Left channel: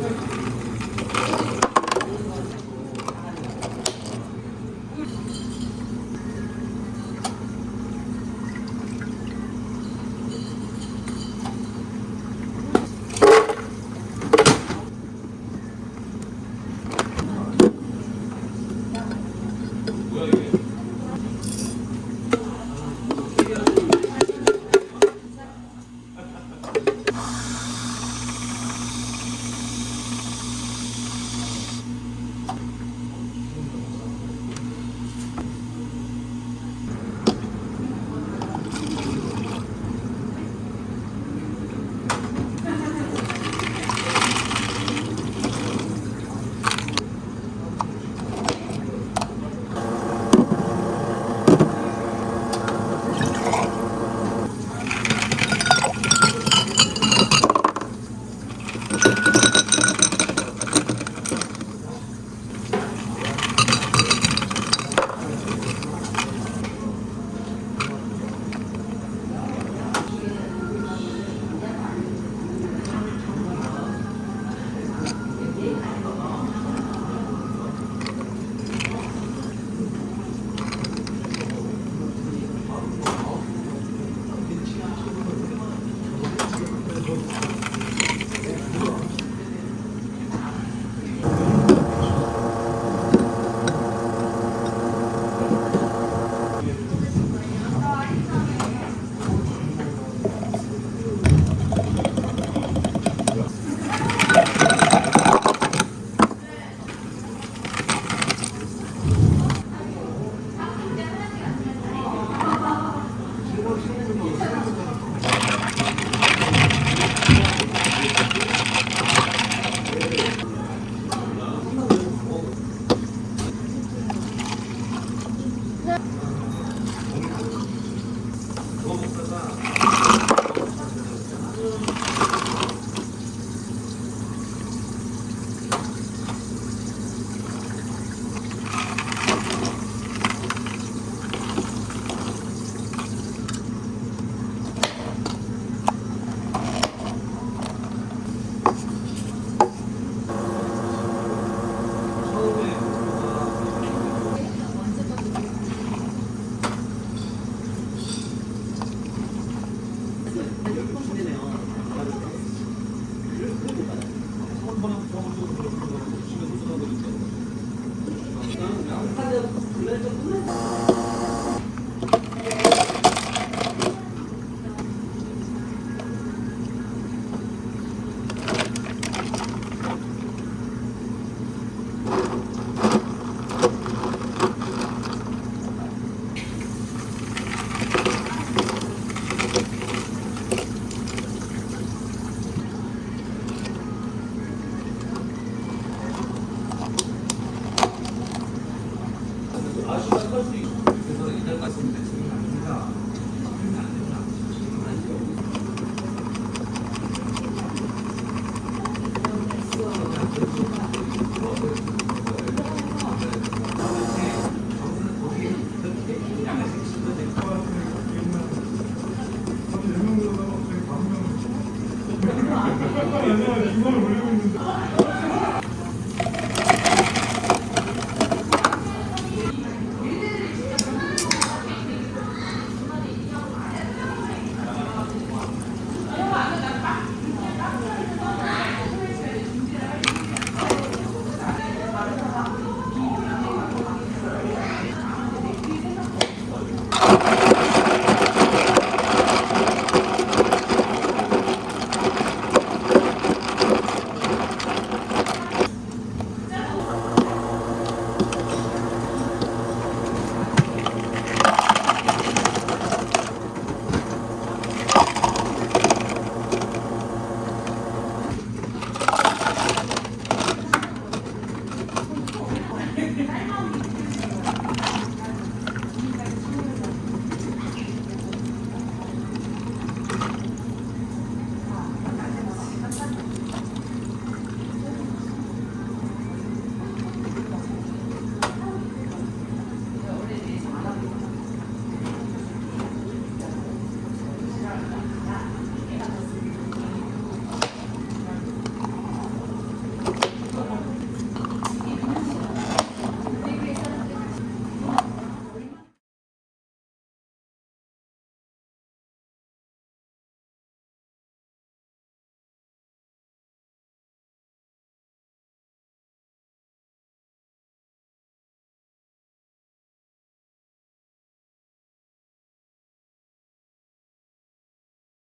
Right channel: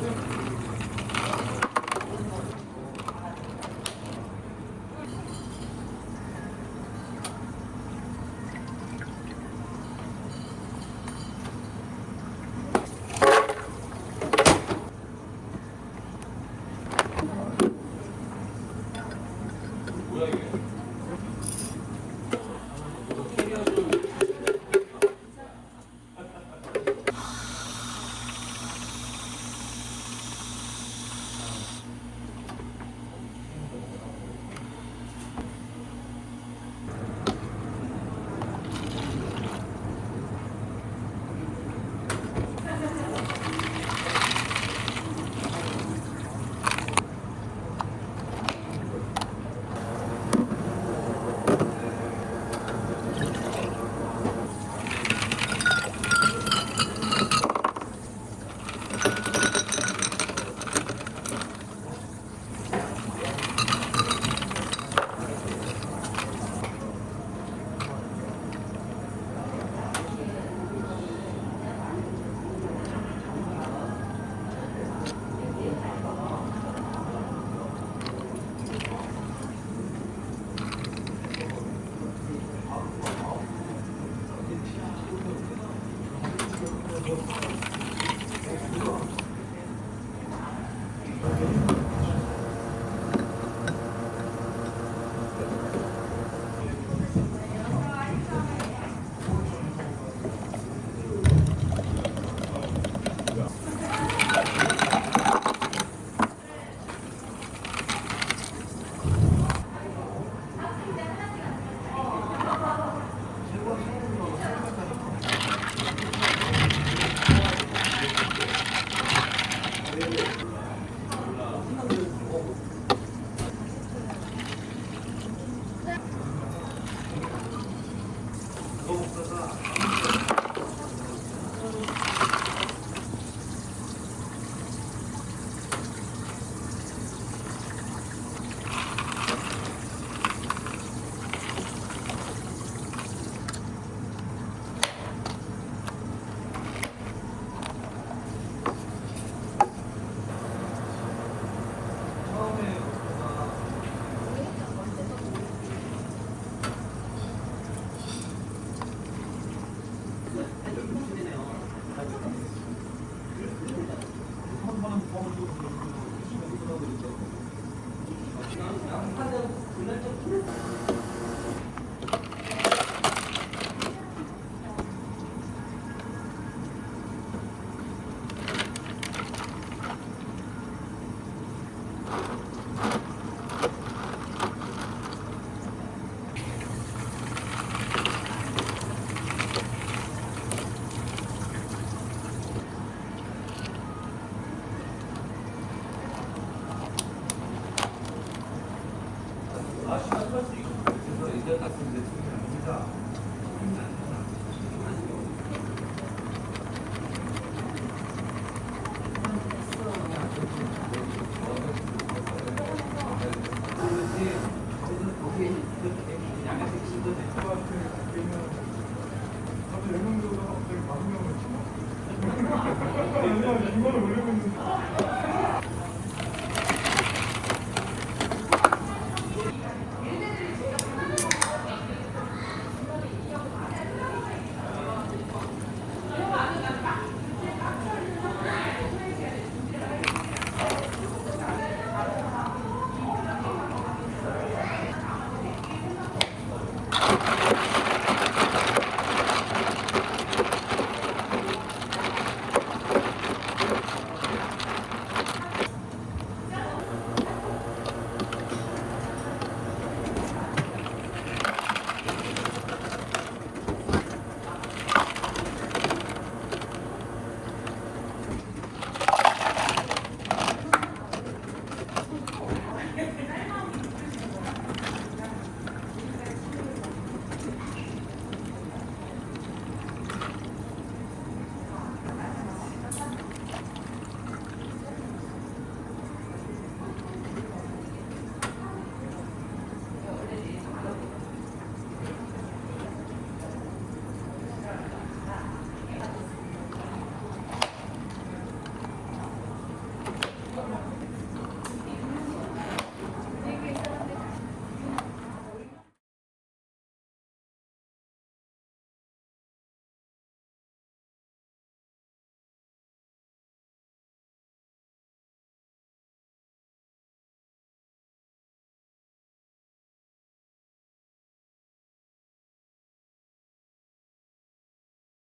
Thank you. Yeah.